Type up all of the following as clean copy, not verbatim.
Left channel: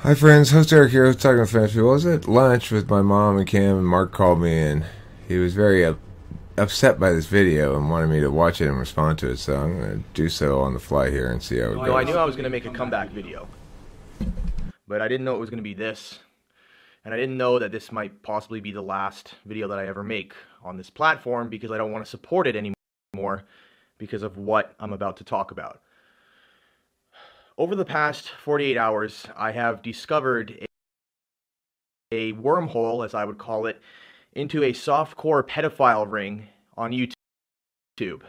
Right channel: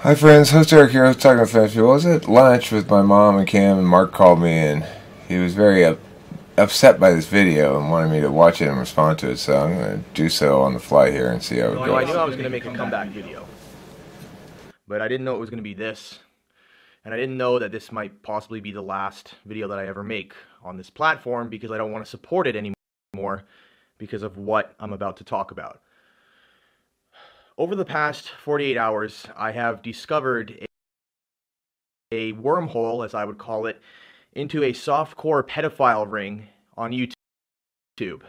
Hi friends, host Eric here, talking to French people. I was at lunch with my mom and Cam, and Mark called me, and he was very upset by this video and wanted me to watch it and respond to it, so I'm going to do so on the fly here and see how it goes. I knew I was going to make a comeback video, but I didn't know it was going to be this, and I didn't know that this might possibly be the last video that I ever make on this platform, because I don't want to support it anymore because of what I'm about to talk about. Over the past 48 hours, I have discovered a wormhole, as I would call it, into a softcore pedophile ring on YouTube.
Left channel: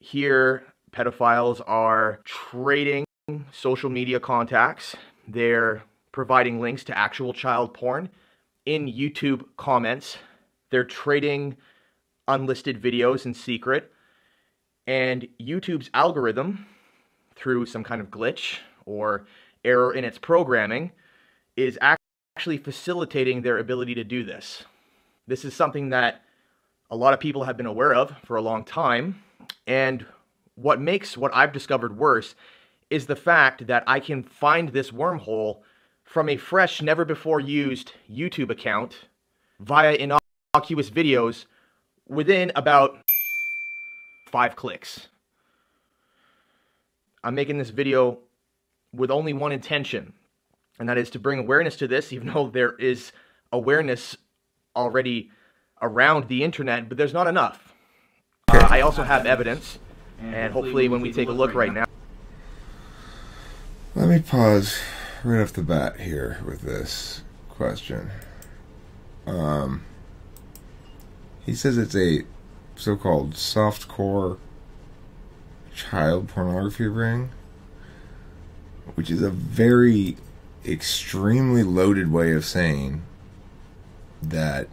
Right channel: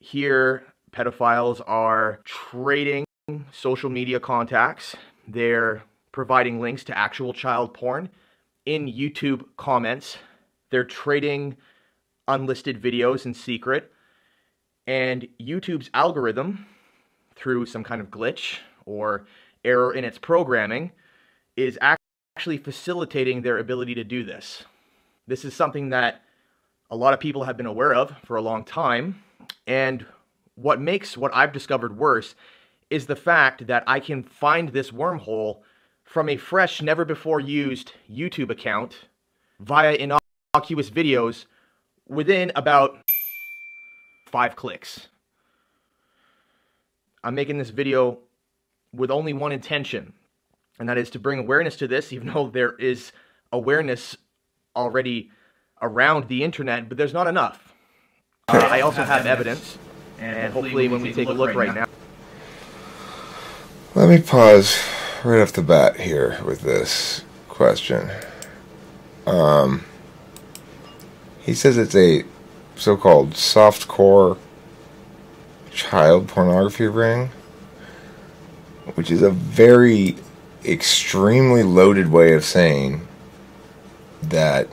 Here, pedophiles are trading social media contacts. They're providing links to actual child porn in YouTube comments. They're trading unlisted videos in secret. And YouTube's algorithm, through some kind of glitch or error in its programming, is actually facilitating their ability to do this. This is something that a lot of people have been aware of for a long time, and what makes what I've discovered worse is the fact that I can find this wormhole from a fresh, never-before-used YouTube account via innocuous videos within about 5 clicks. I'm making this video with only one intention, and that is to bring awareness to this, even though there is awareness already around the internet, but there's not enough. I also have evidence, and hopefully when we take a look right now. Let me pause right off the bat here with this question. He says it's a so-called softcore child pornography ring, which is a very extremely loaded way of saying that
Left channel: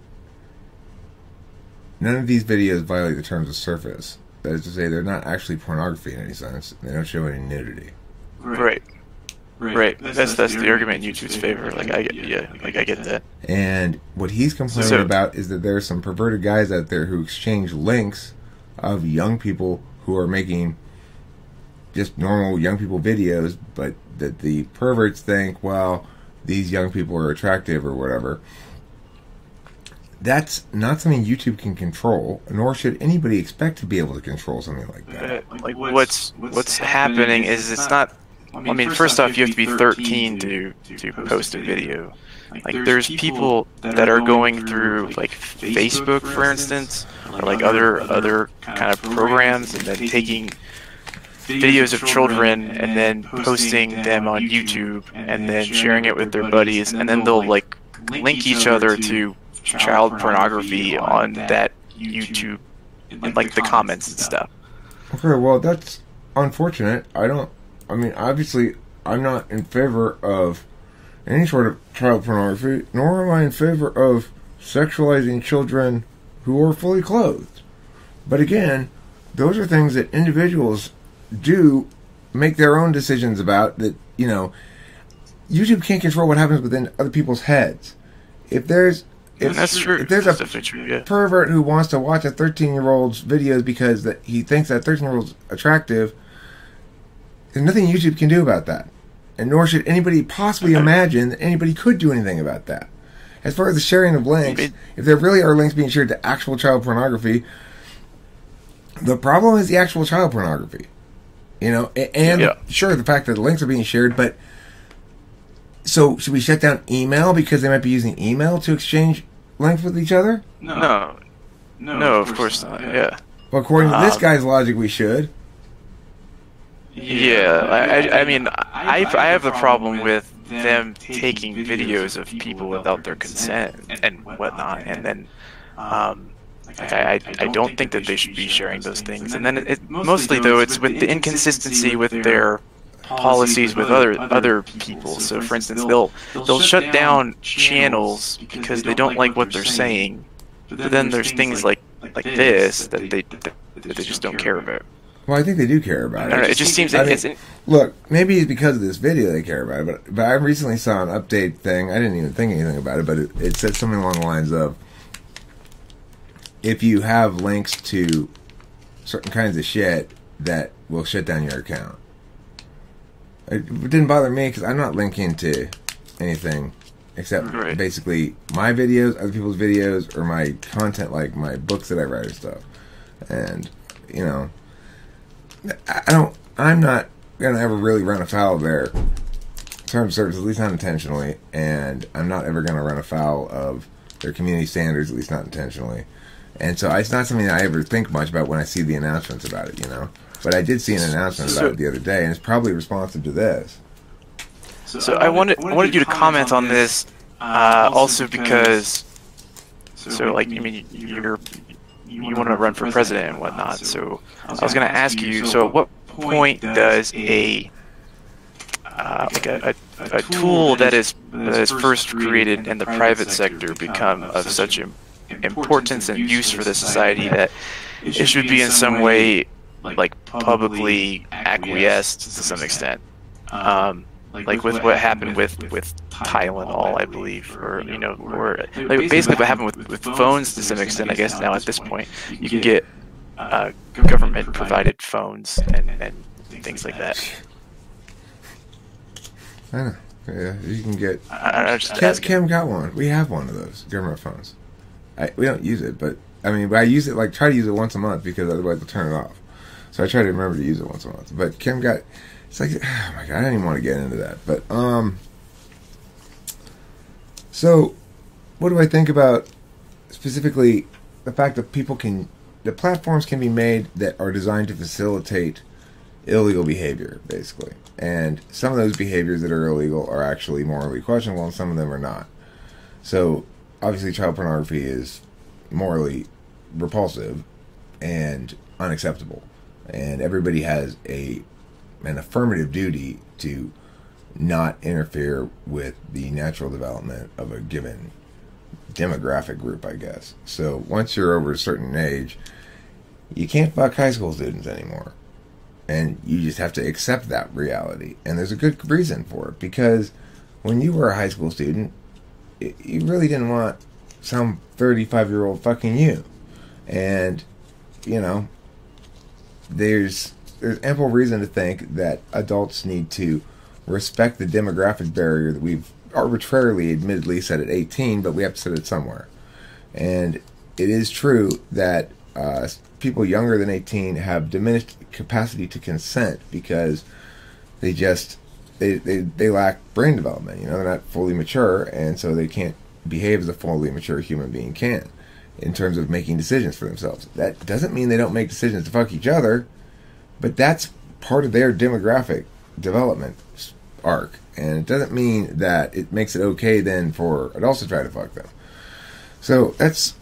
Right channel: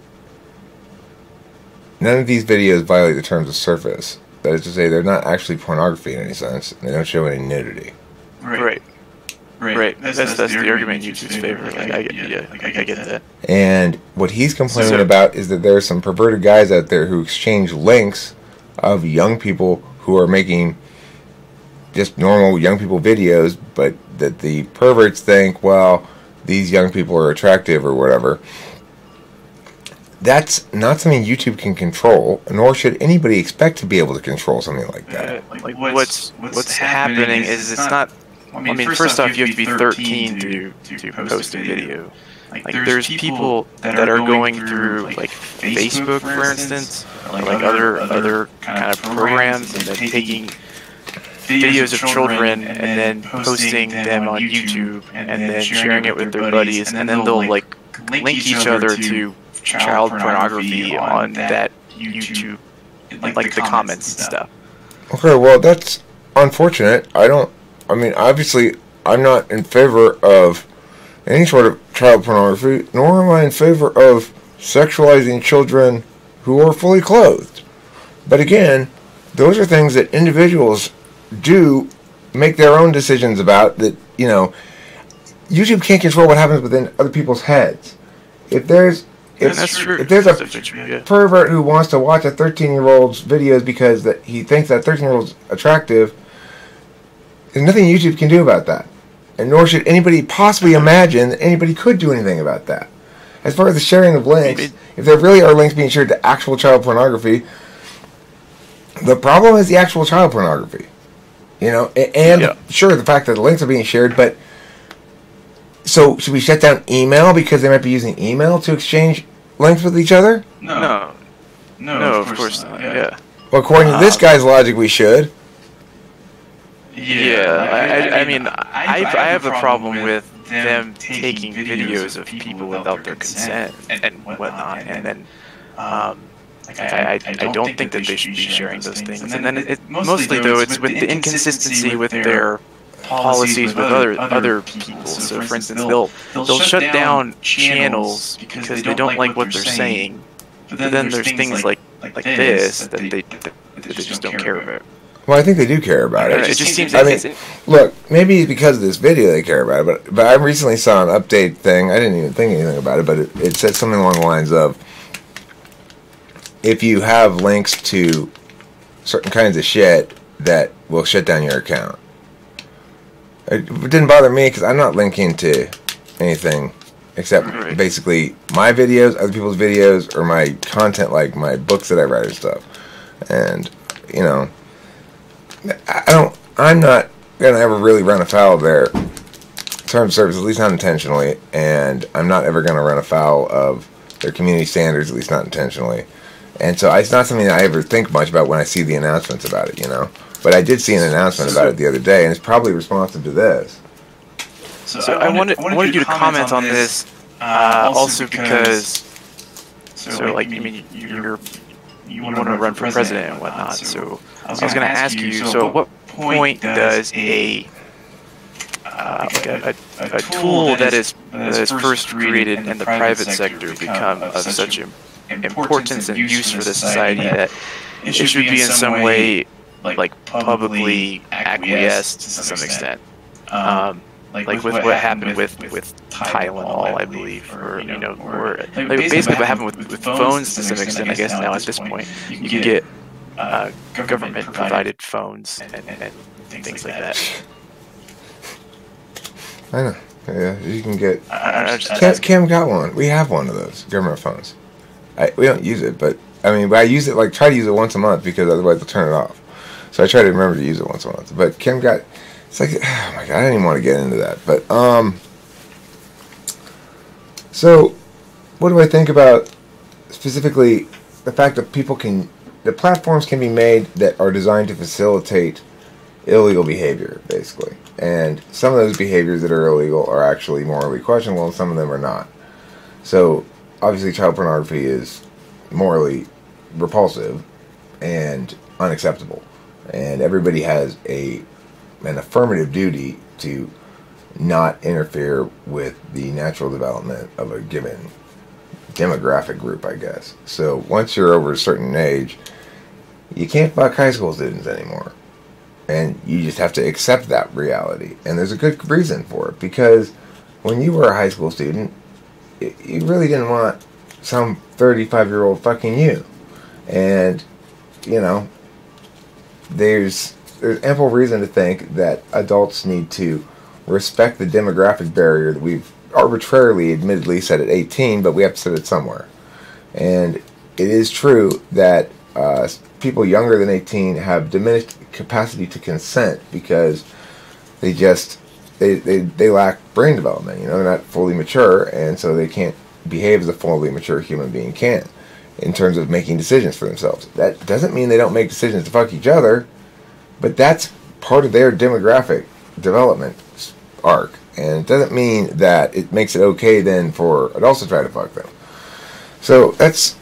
none of these videos violate the terms of service. That is to say, they're not actually pornography in any sense. They don't show any nudity. Right. That's the argument in YouTube's favor. Like I get that. And what he's complaining about is that there are some perverted guys out there who exchange links of young people who are making just normal young people videos, but that the perverts think, well, these young people are attractive or whatever. That's not something YouTube can control, nor should anybody expect to be able to control something like that. Like what's happening is it's not. I mean, first off, you have to be 13 to post a video. Like there's people that are going through like Facebook, for instance, or like other kind of programs, and then taking videos of children and then posting them on YouTube and then sharing it with their buddies, and then they'll like link each other to child pornography on that YouTube, like the comments and stuff. Okay, well, that's unfortunate. I mean, obviously, I'm not in favor of any sort of child pornography, nor am I in favor of sexualizing children who are fully clothed. But again, those are things that individuals do make their own decisions about. That, you know, YouTube can't control what happens within other people's heads. If there's a pervert who wants to watch a 13-year-old's videos because that he thinks that 13-year-old's attractive, there's nothing YouTube can do about that. And nor should anybody possibly imagine that anybody could do anything about that. As far as the sharing of links, if there really are links being shared to actual child pornography, the problem is the actual child pornography. You know, and sure, the fact that the links are being shared, but so should we shut down email because they might be using email to exchange links with each other? No, of course not. Yeah. Well, according to this guy's logic, we should. Yeah, I mean, I have a problem with them taking videos of people without their consent and whatnot, and then I don't think that they should be sharing those things. And then mostly though, it's with the inconsistency with their policies with other people. So for instance, they'll shut down channels because they don't like what they're saying, but then there's things like this that they just don't care about. Well, I think they do care about it. It just seems like look, maybe it's because of this video they care about it, but I recently saw an update thing. I didn't even think anything about it, but it said something along the lines of, if you have links to certain kinds of shit, that will shut down your account. It didn't bother me because I'm not linking to anything except basically my videos, other people's videos, or my content, like my books that I write and stuff. And you know, I'm not gonna ever really run afoul of their terms of service, at least not intentionally, and I'm not ever gonna run afoul of their community standards, at least not intentionally. And so it's not something that I ever think much about when I see the announcements about it, you know. But I did see an announcement about it the other day, and it's probably responsive to this. So I wanted you to comment on this, also because, so like, I mean, you want to run for president and whatnot. So I was going to ask you, so at what point does a tool that is first created in the private sector become of such importance and use for the society that it should be in some way like publicly acquiesced to some extent, like with what happened with Tylenol, I believe, or you know, or like basically what happened with phones to some extent. I guess now at this point you can get government provided phones and things like that. I know. Yeah, you can get. Kim got one. We have one of those government phones. We don't use it, but I mean, I use it, like, try to use it once a month because otherwise they'll turn it off. So I try to remember to use it once a month. But Kim got, it's like, oh my god, I didn't even want to get into that. But so what do I think about specifically the fact that the platforms can be made that are designed to facilitate illegal behavior, basically. And some of those behaviors that are illegal are actually morally questionable, and some of them are not. So obviously child pornography is morally repulsive and unacceptable, and everybody has an affirmative duty to not interfere with the natural development of a given demographic group, I guess. So once you're over a certain age, you can't fuck high school students anymore, and you just have to accept that reality. And there's a good reason for it, because when you were a high school student, you really didn't want some 35-year-old fucking you. And, you know, there's ample reason to think that adults need to respect the demographic barrier that we've arbitrarily, admittedly, set at 18, but we have to set it somewhere. And it is true that people younger than 18 have diminished capacity to consent because they lack brain development. You know, they're not fully mature, and so they can't behave as a fully mature human being can in terms of making decisions for themselves. That doesn't mean they don't make decisions to fuck each other, but that's part of their demographic development arc, and it doesn't mean that it makes it okay then for adults to try to fuck them. So that's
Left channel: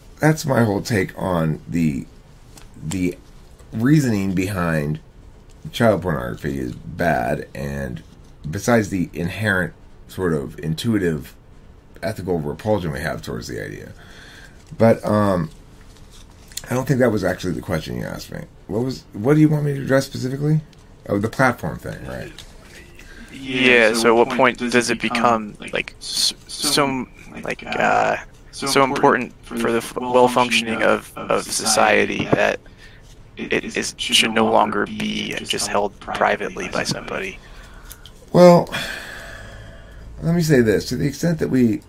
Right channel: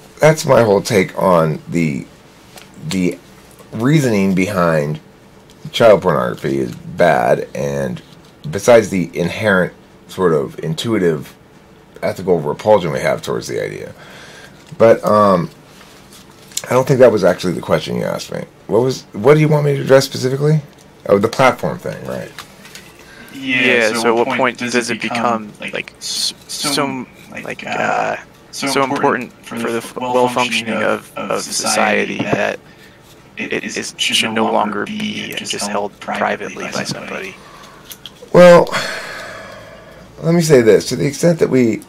my whole take on the reasoning behind child pornography is bad, and besides the inherent sort of intuitive ethical repulsion we have towards the idea. But I don't think that was actually the question you asked me. What do you want me to address specifically? Oh, the platform thing, right? Yeah, so at what point does it become like so important for the well-functioning of society that it should no longer be just held privately by somebody? Well, let me say this. To the extent that we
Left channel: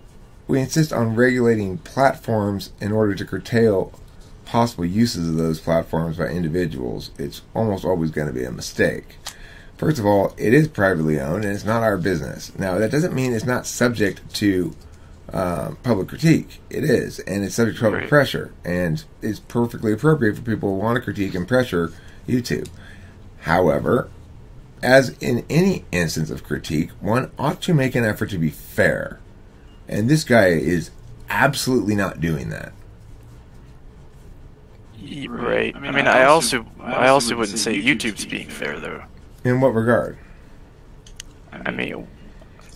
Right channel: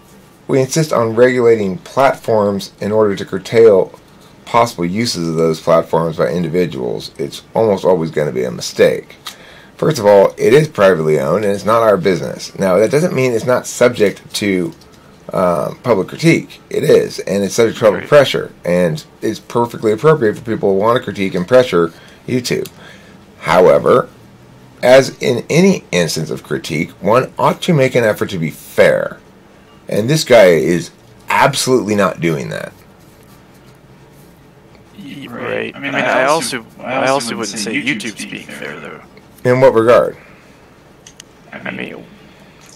insist on regulating platforms in order to curtail possible uses of those platforms by individuals, it's almost always going to be a mistake. First of all, it is privately owned, and it's not our business. Now, that doesn't mean it's not subject to public critique. It is, and it's subject to public pressure, and it's perfectly appropriate for people who want to critique and pressure YouTube. However, as in any instance of critique, one ought to make an effort to be fair. And this guy is absolutely not doing that. Right. I mean, I also wouldn't say YouTube's being fair, though. In what regard? I mean,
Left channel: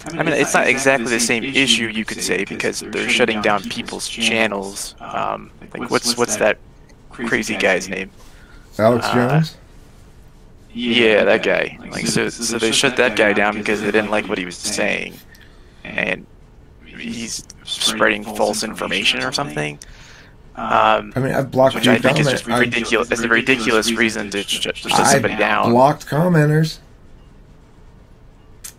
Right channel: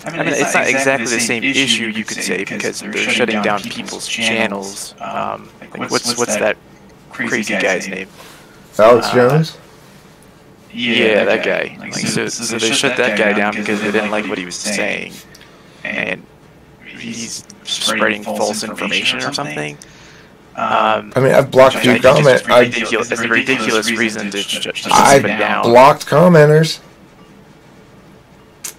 it's not exactly the same issue, you could say, because they're shutting down people's channels. Like, what's that crazy guy's name? Alex Jones? Yeah, that guy. Like, so they shut that guy down because they didn't like what he was saying, and he's spreading false information or something. I mean, I've blocked a few comments. It's a ridiculous reason to shut somebody down. I've blocked commenters.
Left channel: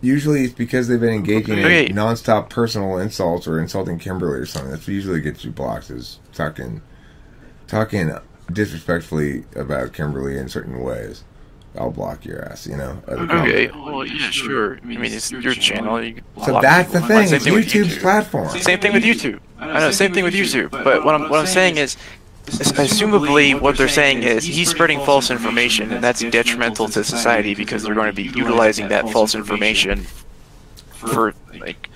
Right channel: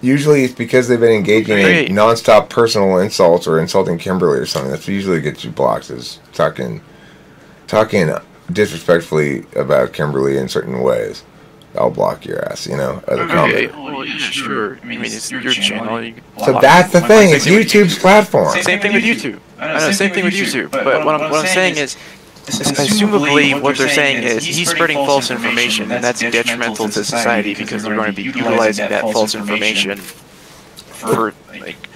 Usually it's because they've been engaging in non-stop personal insults or insulting Kimberly or something. That's usually gets you blocked, is talking disrespectfully about Kimberly in certain ways. I'll block your ass, you know. As a okay, well, yeah, sure. I mean, it's your channel. So that's the thing. It's YouTube's platform. Same thing with YouTube. I know, same thing with YouTube. But what I'm saying is, assumably, what they're saying is he's spreading false information, and that's detrimental to society because they're going to be utilizing that false information for, like,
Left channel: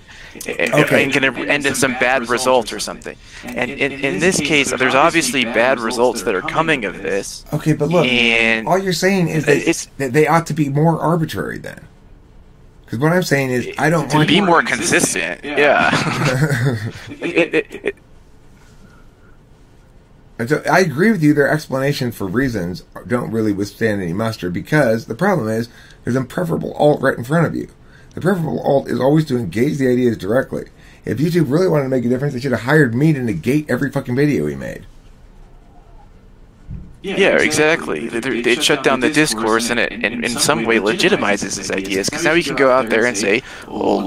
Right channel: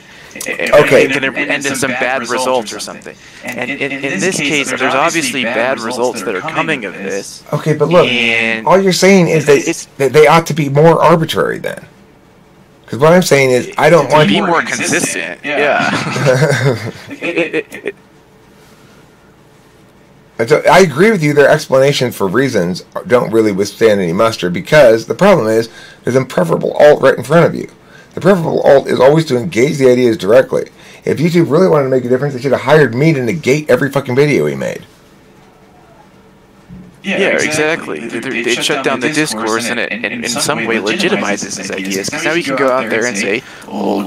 okay, going to end in some bad results or something. And in this case, there's obviously bad results that are coming of this. Okay, but look, all you're saying is that they ought to be more arbitrary then. Because what I'm saying is, I don't want to be more consistent. Yeah. I agree with you. Their explanations for reasons don't really withstand any muster because the problem is there's a preferable alt right in front of you. The preferable alt is always to engage the ideas directly. If YouTube really wanted to make a difference, they should have hired me to negate every fucking video he made. Yeah, exactly. They shut down the discourse, and it in some way legitimizes his ideas. Because now you can go out there and say, "Oh,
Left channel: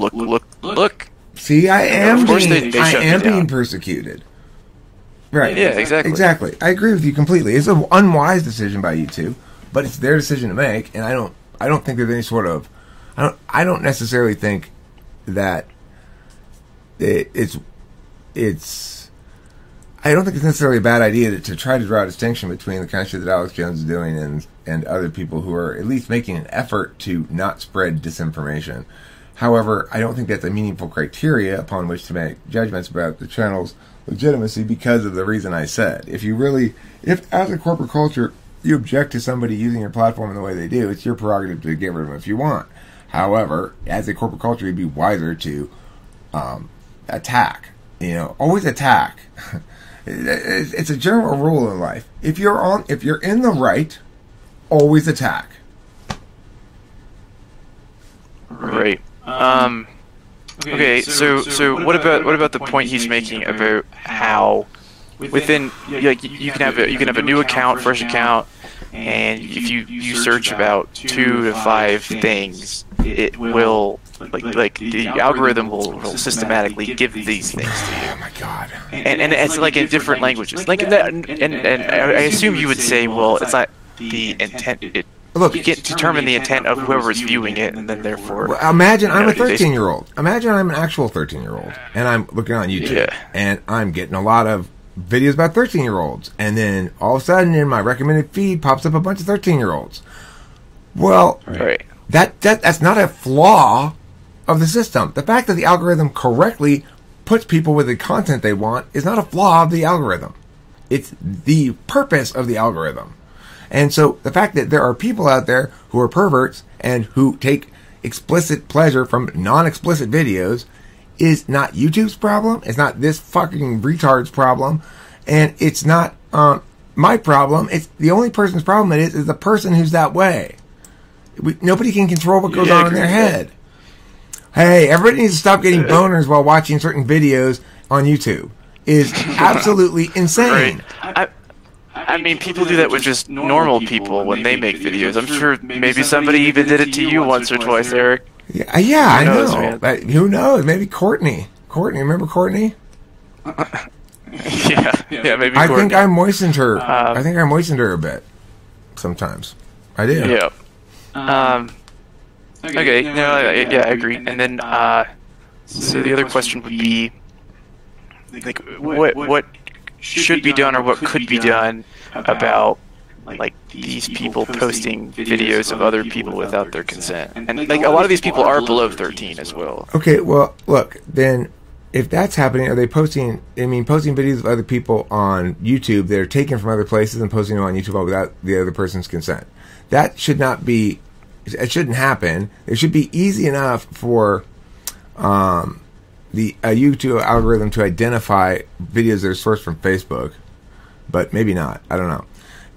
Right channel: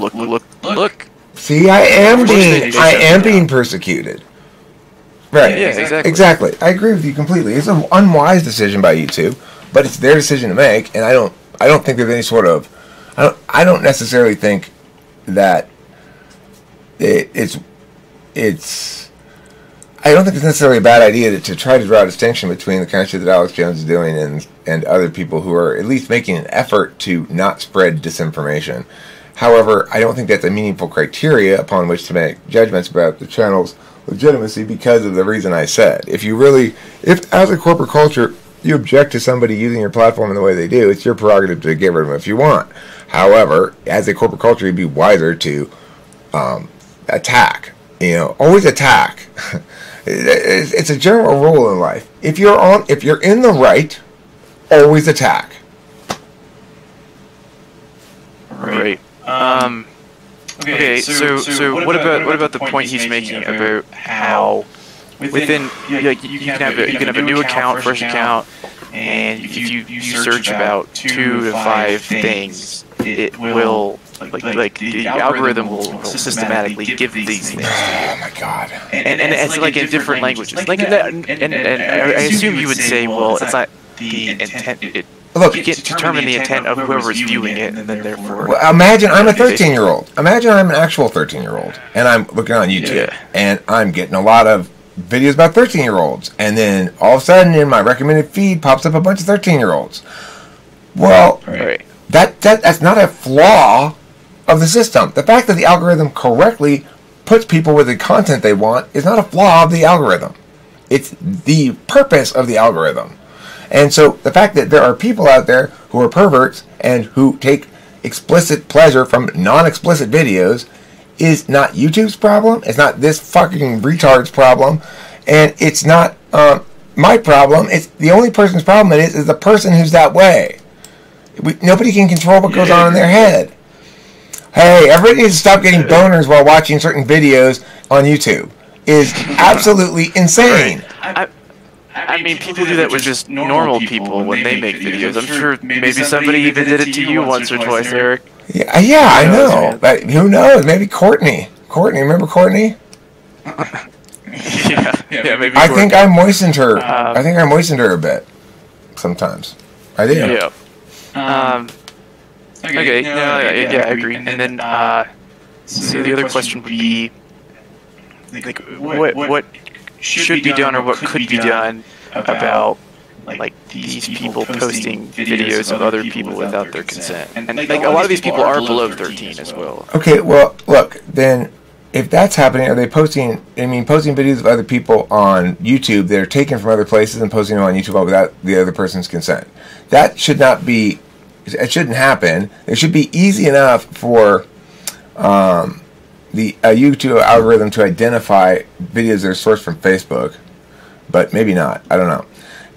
look." See, I am being persecuted. Right. Yeah, exactly. Exactly. I agree with you completely. It's an unwise decision by YouTube, but it's their decision to make, and I don't think there's any sort of I don't necessarily think that it's I don't think it's necessarily a bad idea to try to draw a distinction between the kind of shit that Alex Jones is doing and other people who are at least making an effort to not spread disinformation. However, I don't think that's a meaningful criteria upon which to make judgments about the channel's legitimacy because of the reason I said. If as a corporate culture you object to somebody using your platform in the way they do, it's your prerogative to get rid of them if you want. However, as a corporate culture, you'd be wiser to attack. You know, always attack. It's a general rule in life. If you're in the right, always attack. Right. Okay. So what about the point he's making about how within you can have a new account, fresh account, and if you search about 2 to 5 things, it will like the algorithm will systematically give these things to you. Oh my god! And it's like in different languages. Like and I assume you would say, well, it's not the intent. Look, you can't determine the intent of whoever's viewing it, and then therefore. Well, imagine I'm a 13-year-old. Imagine I'm an actual 13-year-old, and I'm looking on YouTube, and I'm getting a lot of videos about 13-year-olds, and then all of a sudden in my recommended feed pops up a bunch of 13-year-olds. Well, right. That's not a flaw of the system. The fact that the algorithm correctly puts people with the content they want is not a flaw of the algorithm. It's the purpose of the algorithm. And so the fact that there are people out there who are perverts and who take explicit pleasure from non-explicit videos is not YouTube's problem. It's not this fucking retard's problem. And it's not my problem. It's the only person's problem it is the person who's that way. Nobody can control what goes on in their head. Hey, everybody needs to stop getting boners while watching certain videos on YouTube. Is absolutely insane. Right. I mean, people do that with just normal people when they make videos. I'm sure maybe somebody even did it to you once or twice, Eric. Yeah, I know. But who knows? Maybe Courtney. Remember Courtney? yeah, maybe Courtney. I think I moistened her. I think I moistened her a bit. Sometimes. I did. Yeah. Okay. No. Yeah, I agree. And then, so the other question would be, like, what should be done or what could be done about like these people posting videos of other people without their consent, and like a lot of these people are below 13 as well. Okay, well, look, then if that's happening, are they posting videos of other people on YouTube that are taken from other places and posting them on YouTube without the other person's consent? That should not be. It shouldn't happen. It should be easy enough for the YouTube algorithm to identify videos that are sourced from Facebook, but maybe not. I don't know.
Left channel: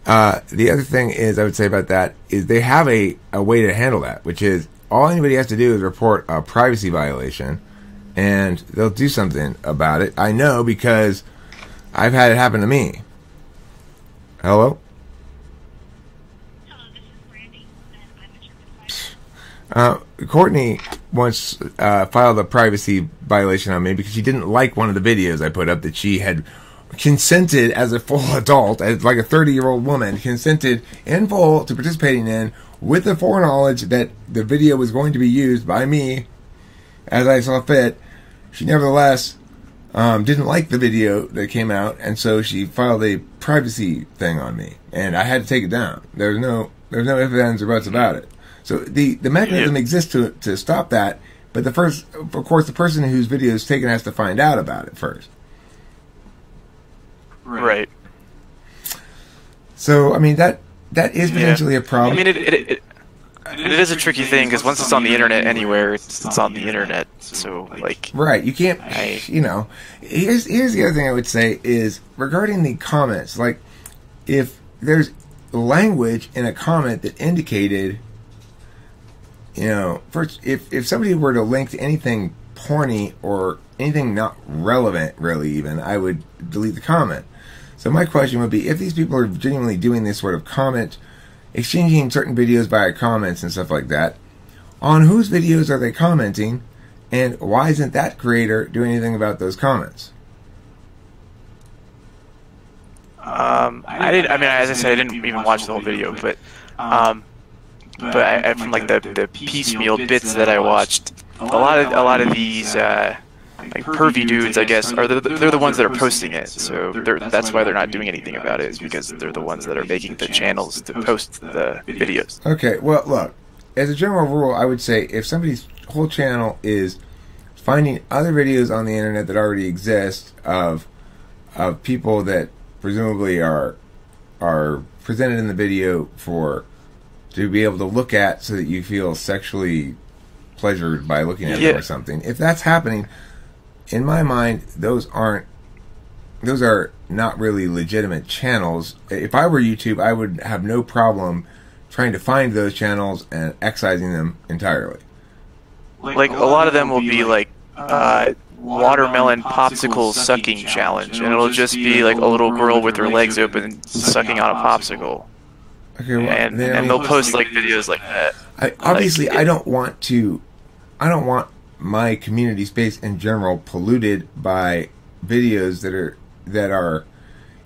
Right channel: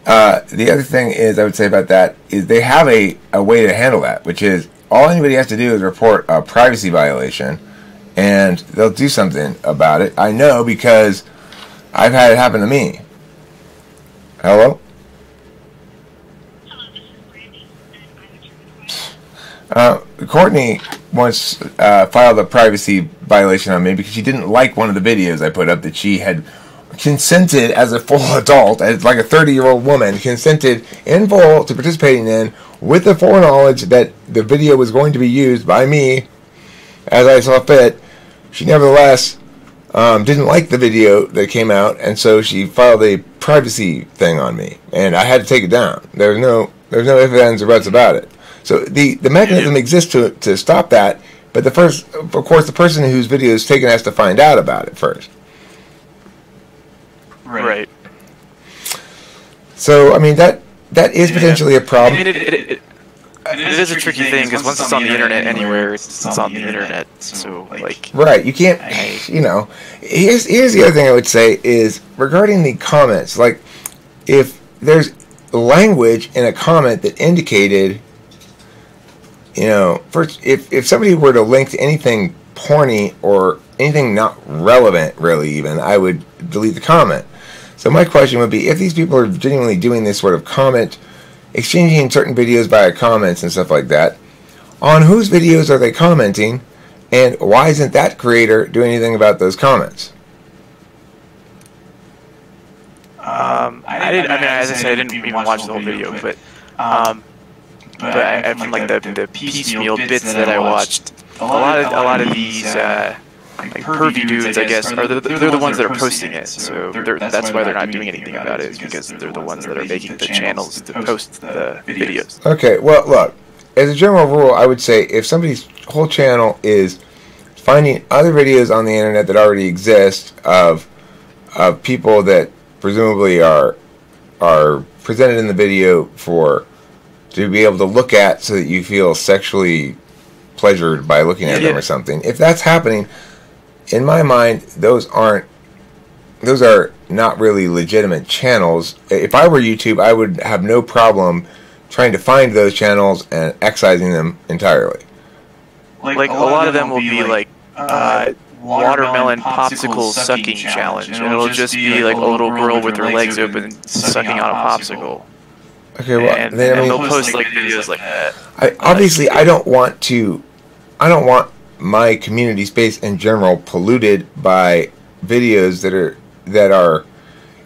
The other thing is I would say about that is they have a way to handle that, which is all anybody has to do is report a privacy violation, and they'll do something about it. I know because I've had it happen to me. Hello? Courtney once filed a privacy violation on me because she didn't like one of the videos I put up that she had consented as a full adult, as like a 30-year-old woman, consented in full to participating in, with the foreknowledge that the video was going to be used by me as I saw fit. She nevertheless didn't like the video that came out, and so she filed a privacy thing on me, and I had to take it down. There's no ifs, ands, or buts about it. So the mechanism exists to stop that, but of course, the person whose video is taken has to find out about it first. Right. So I mean that is potentially a problem. I mean it is a tricky thing because once it's on the internet anywhere, it's on the internet. So like. Right. You can't. You know. Here's the other thing I would say is regarding the comments. Like, if there's language in a comment that indicated, you know, first if somebody were to link to anything porny or anything not relevant, really, even, I would delete the comment. So my question would be, if these people are genuinely doing this sort of comment, exchanging certain videos via comments and stuff like that, on whose videos are they commenting, and why isn't that creator doing anything about those comments? I mean, as I said, I didn't even watch the whole video, but from like the piecemeal bits that I watched, a lot of these like pervy dudes, I guess, they're the ones that are posting it. So that's why they're not doing anything about it, is because they're the ones that are making the channels to post the videos. Okay, well, look, as a general rule, I would say if somebody's whole channel is finding other videos on the internet that already exist of people that presumably are presented in the video to be able to look at, so that you feel sexually pleasured by looking at them or something. If that's happening, in my mind, those are not really legitimate channels. If I were YouTube, I would have no problem trying to find those channels and excising them entirely. Like a lot of them will be like watermelon popsicle sucking challenge, and it'll just be like a little girl with her legs open sucking on a popsicle. Okay, well, and they'll post like videos like that. I don't want my community space in general polluted by videos that are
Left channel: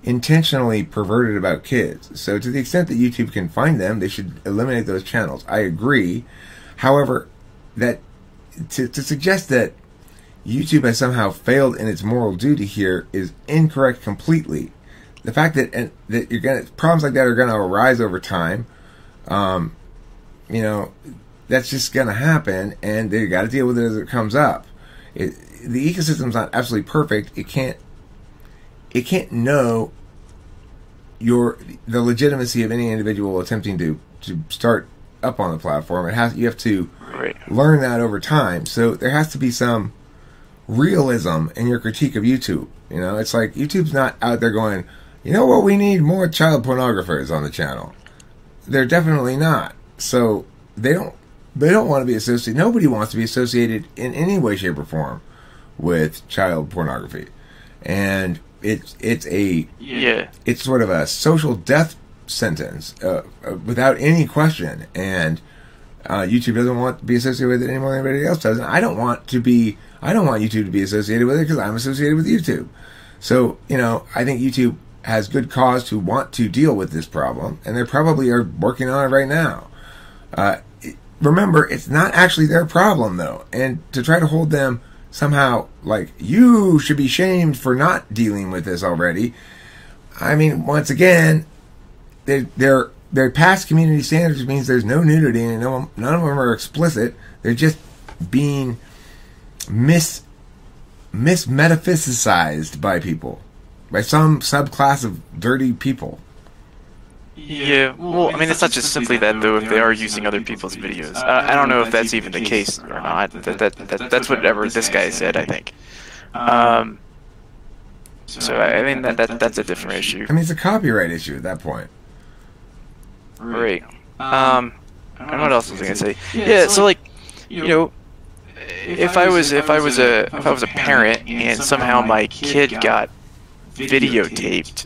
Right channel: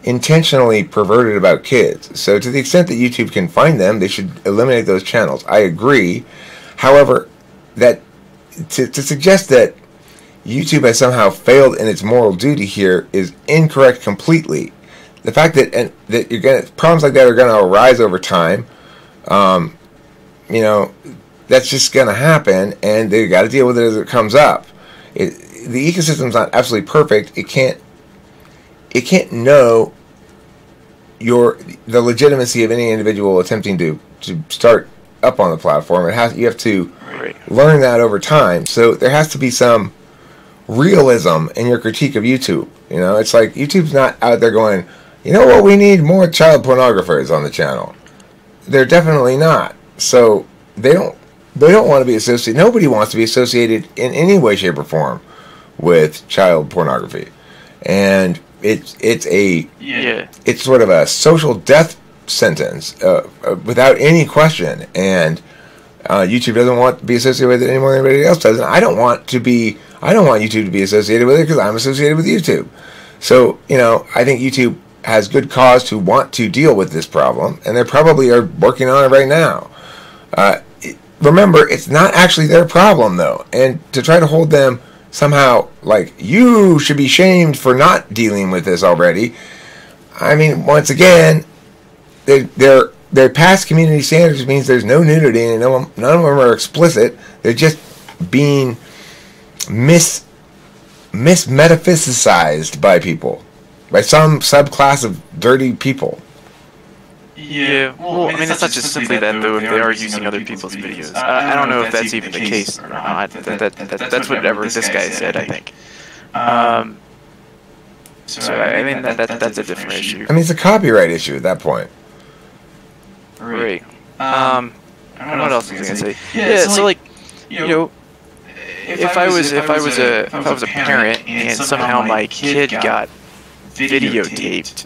intentionally perverted about kids. So to the extent that YouTube can find them, they should eliminate those channels. I agree. However, that to suggest that YouTube has somehow failed in its moral duty here is incorrect completely. The fact that problems like that are gonna arise over time, you know, that's just gonna happen, and they got to deal with it as it comes up. The ecosystem's not absolutely perfect. It can't know the legitimacy of any individual attempting to start up on the platform. You have to learn that over time. So there has to be some realism in your critique of YouTube. You know, it's like YouTube's not out there going, you know what, we need more child pornographers on the channel. They're definitely not. So they don't want to be associated. Nobody wants to be associated in any way, shape, or form with child pornography, and it's sort of a social death sentence without any question. And YouTube doesn't want to be associated with it any more than anybody else does. And I don't want YouTube to be associated with it because I'm associated with YouTube. So, you know, I think YouTube has good cause to want to deal with this problem, and they probably are working on it right now. Remember, it's not actually their problem, though, and to try to hold them somehow like you should be shamed for not dealing with this already. I mean, once again, they're past community standards, means there's no nudity, and none of them are explicit. They're just being metaphysicized by people, by some subclass of dirty people. Yeah, well, I mean, it's not just simply that, though, if they are using other people's videos. I don't know if that's even the case or not. That's whatever this guy said, I think. So, I mean, that's a different issue. I mean, it's a copyright issue at that point. Right. And what else was I gonna say? Yeah, so, like, you know, if I was a parent and somehow my kid got videotaped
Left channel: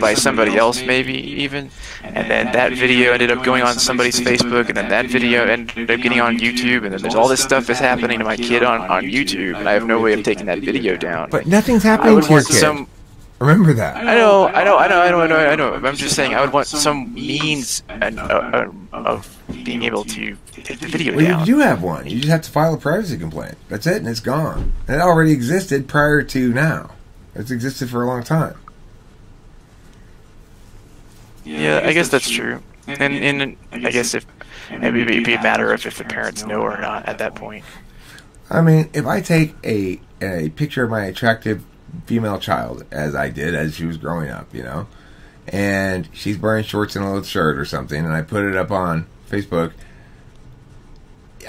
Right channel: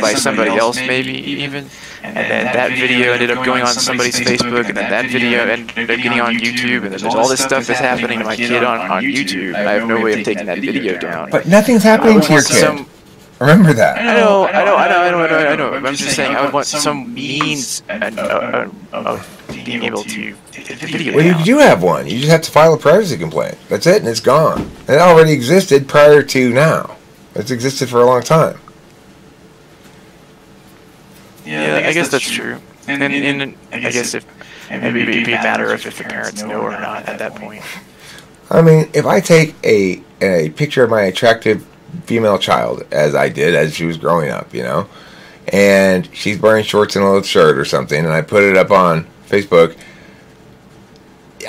by somebody else maybe even, and then that video ended up going on somebody's Facebook, and then that video ended up getting on YouTube, and then there's all this stuff that's happening to my kid on YouTube, and I have no way of taking that video down. But nothing's happening I would to your want kid. some. Remember that. I know. I'm just saying I would want some means of being able to take the video Well, down. you do have one. You just have to file a privacy complaint. That's it, and it's gone. And it already existed prior to now. It's existed for a long time. Yeah, I guess that's true. And I guess if it'd be a matter of if the parents know or not at that point. I mean, if I take a picture of my attractive female child, as I did as she was growing up, you know, and she's wearing shorts and a little shirt or something, and I put it up on Facebook,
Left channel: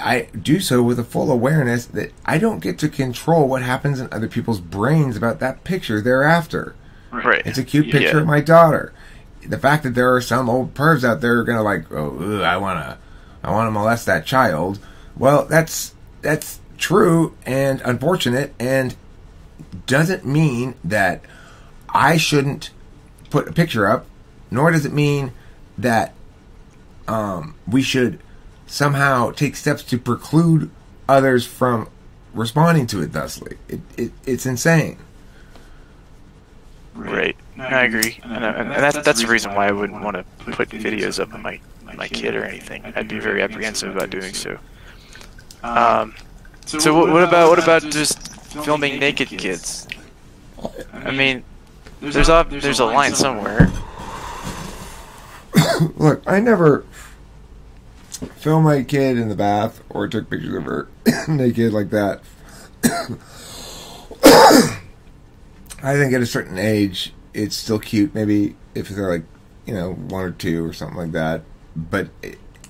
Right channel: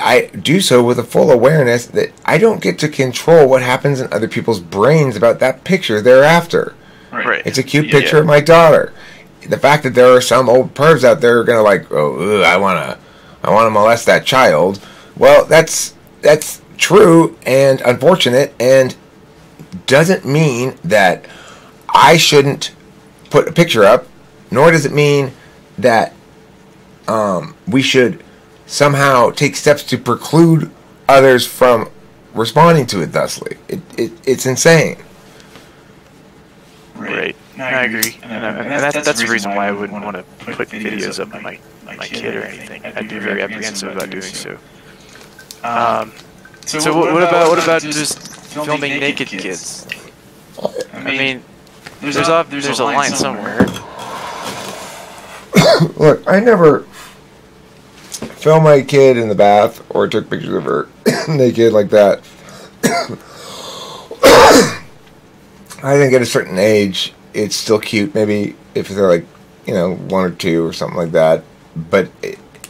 I do so with a full awareness that I don't get to control what happens in other people's brains about that picture thereafter. Right. It's a cute picture of my daughter. The fact that there are some old pervs out there who are gonna like, oh, I wanna molest that child. Well, that's true and unfortunate, and doesn't mean that I shouldn't put a picture up, nor does it mean that we should somehow take steps to preclude others from responding to it thusly. It's insane. Right. I agree, and that's the reason why I wouldn't want to put videos up of my kid or anything. I'd be very apprehensive about doing so. So what about just filming naked kids? I mean, there's a line somewhere. Look, I never filmed my kid in the bath or took pictures of her naked like that. I think at a certain age, it's still cute. Maybe if they're like, 1 or 2 or something like that. But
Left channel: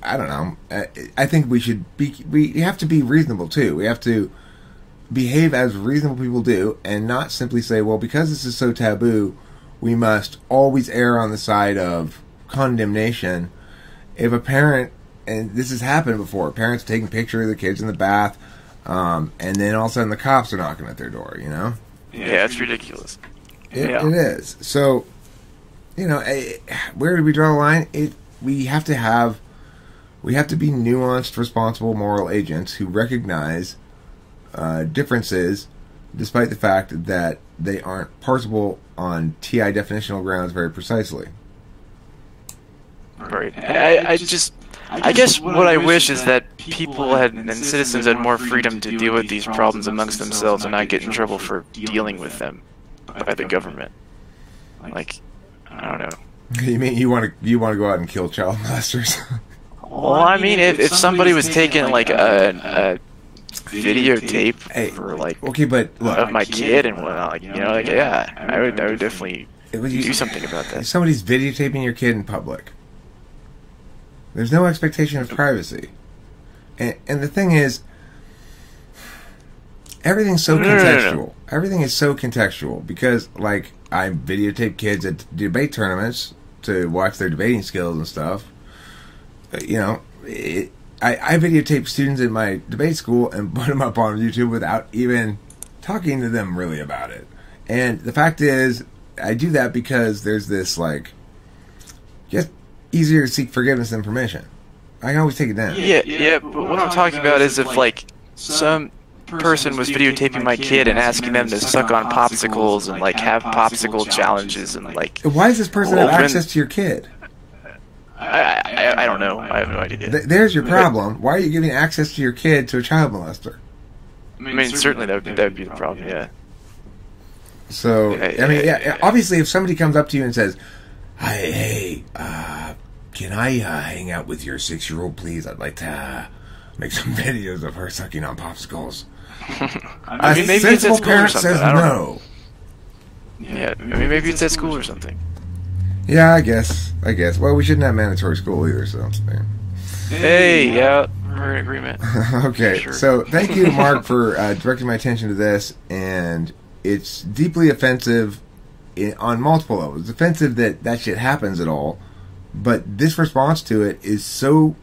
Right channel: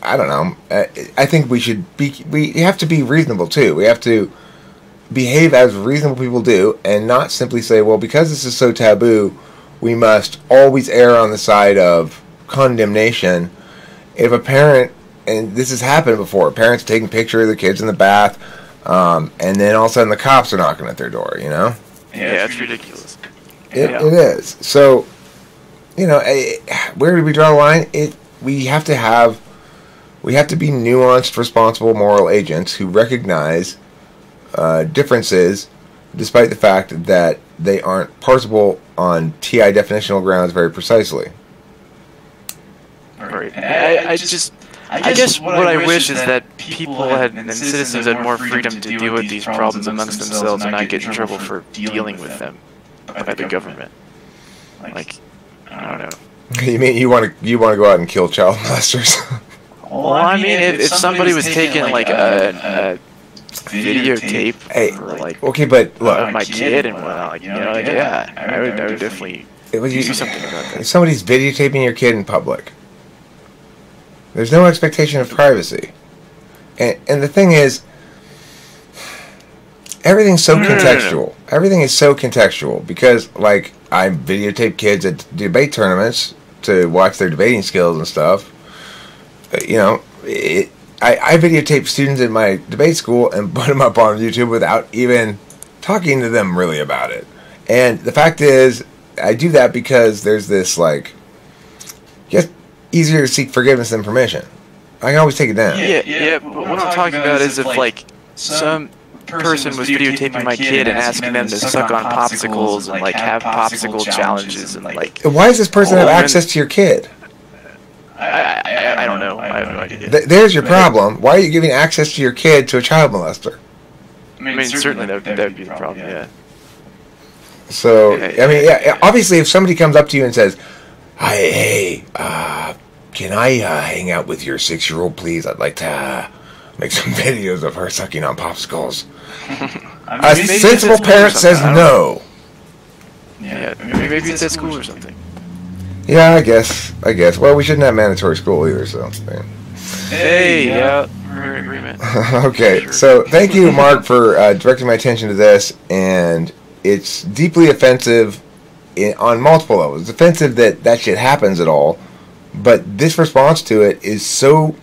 I don't know. I think we have to be reasonable too. We have to behave as reasonable people do, and not simply say, well, because this is so taboo, we must always err on the side of condemnation. If a parent, and this has happened before, parents taking pictures of the kids in the bath, and then all of a sudden the cops are knocking at their door, Yeah, it's ridiculous. It is. So, where do we draw the line? We have to be nuanced, responsible, moral agents who recognize differences, despite the fact that they aren't parsable on TI definitional grounds very precisely. Right. I guess what I wish is that people and citizens had more freedom to deal with these problems amongst themselves and not get in trouble for dealing with them by the government. Like, I don't know. You mean you want to go out and kill child molesters? Well, I mean, if somebody was taking like a videotape for like but look, of my kid and whatnot, I would definitely do something about that. If somebody's videotaping your kid in public, there's no expectation of privacy, and the thing is, everything's so contextual. No. Everything is so contextual because, like, I videotape kids at debate tournaments to watch their debating skills and stuff. I videotape students in my debate school and put them up on YouTube without even talking to them really about it. And the fact is, I do that because there's this, like, just easier to seek forgiveness than permission. I can always take it down. Yeah, but what I'm talking about is if, like, some person was videotaping my kid and asking them to suck on popsicles and, like, have popsicle challenges and, like... Why does this person have access to your kid? I don't know. I have no idea. There's your problem. Why are you giving access to your kid to a child molester? I mean, certainly that would be the problem, yeah. So, obviously if somebody comes up to you and says, hey, can I hang out with your 6-year-old, please? I'd like to make some videos of her sucking on popsicles. A sensible parent says no. Yeah, maybe it's at school or something. Yeah, I guess. Well, we shouldn't have mandatory school either, so... Yeah. Hey, yeah, we're in agreement. Okay, sure. So thank you, Mark, for directing my attention to this, and it's deeply offensive on multiple levels. It's offensive that shit happens at all, but this response to it is so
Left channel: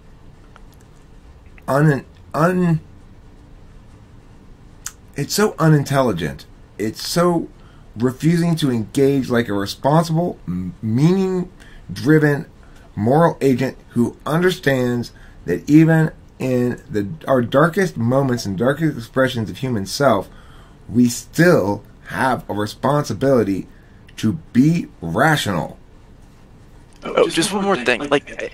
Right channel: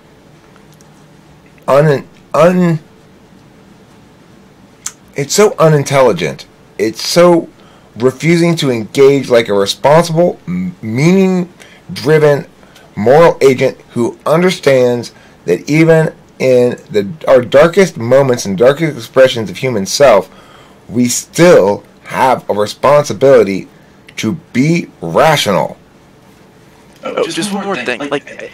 it's so unintelligent. It's so refusing to engage like a responsible, meaning-driven moral agent who understands that even in our darkest moments and darkest expressions of human self, we still have a responsibility to be rational. Oh, just one more thing. Like,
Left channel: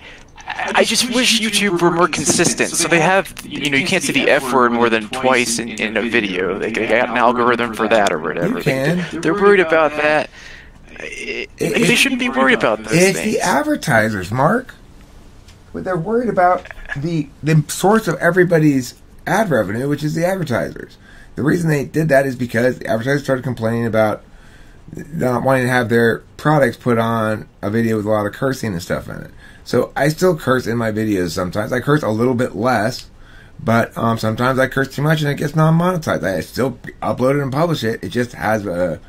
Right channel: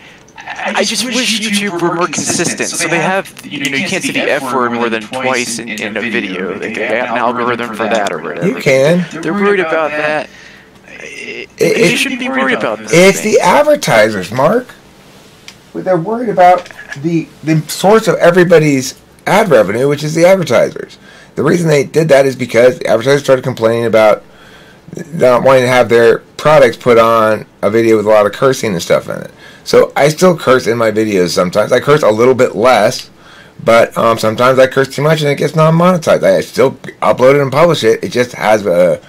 I just wish YouTube were more consistent. So they have, you can't say the F word more than twice in a video. They got an algorithm for that or whatever. You can. They're worried about that. They shouldn't be worried about those things. It's the advertisers, Mark. They're worried about the source of everybody's ad revenue, which is the advertisers. The reason they did that is because the advertisers started complaining about not wanting to have their products put on a video with a lot of cursing and stuff in it. So I still curse in my videos sometimes. I curse a little bit less, but sometimes I curse too much and it gets non-monetized. I still upload it and publish it. It just has a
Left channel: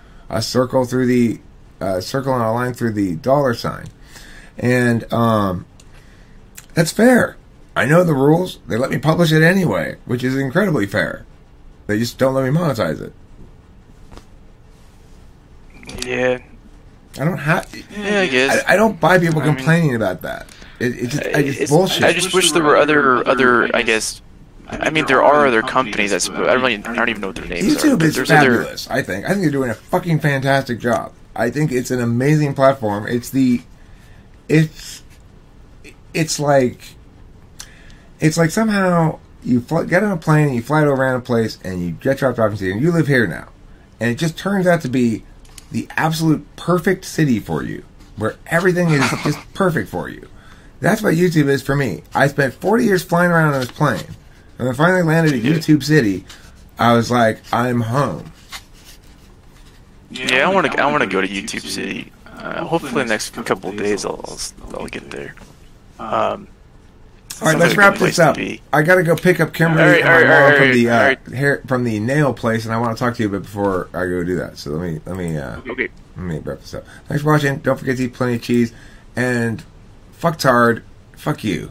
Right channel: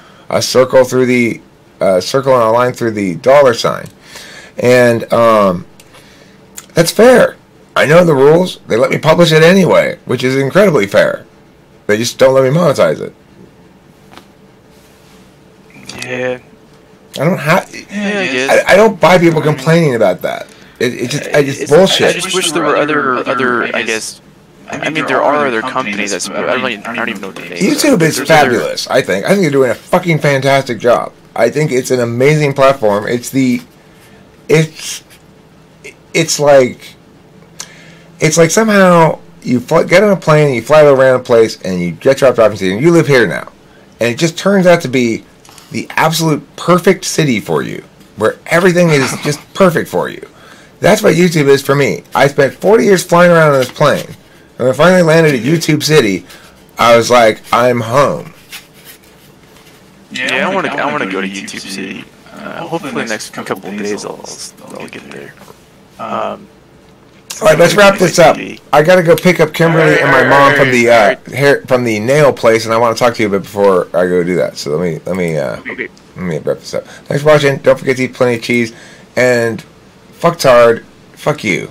circle through the circle and a line through the dollar sign, and that's fair. I know the rules. They let me publish it anyway, which is incredibly fair. They just don't let me monetize it. Yeah. I don't have. Yeah, I guess. I don't buy people complaining about that. It's bullshit. I just wish there were other. I guess. I mean, there are other companies that I don't even know what their names YouTube are. is fabulous. I think they're doing a fucking fantastic job. I think it's an amazing platform. It's like somehow you get on a plane and you fly to a random place and you get dropped off in city and you live here now, and it just turns out to be the absolute perfect city for you, where everything is just perfect for you. That's what YouTube is for me. I spent 40 years flying around on this plane, and when I finally landed at YouTube City, I was like, I'm home. Yeah, I want to go to YouTube City. Hopefully, the next couple of days I'll get there. All right, let's wrap this up. I gotta go pick up Kimberly and my mom from the nail place, and I want to talk to you a bit before I go do that. So let me wrap this up. Thanks for watching. Don't forget to eat plenty of cheese, and fuck tard, fuck you.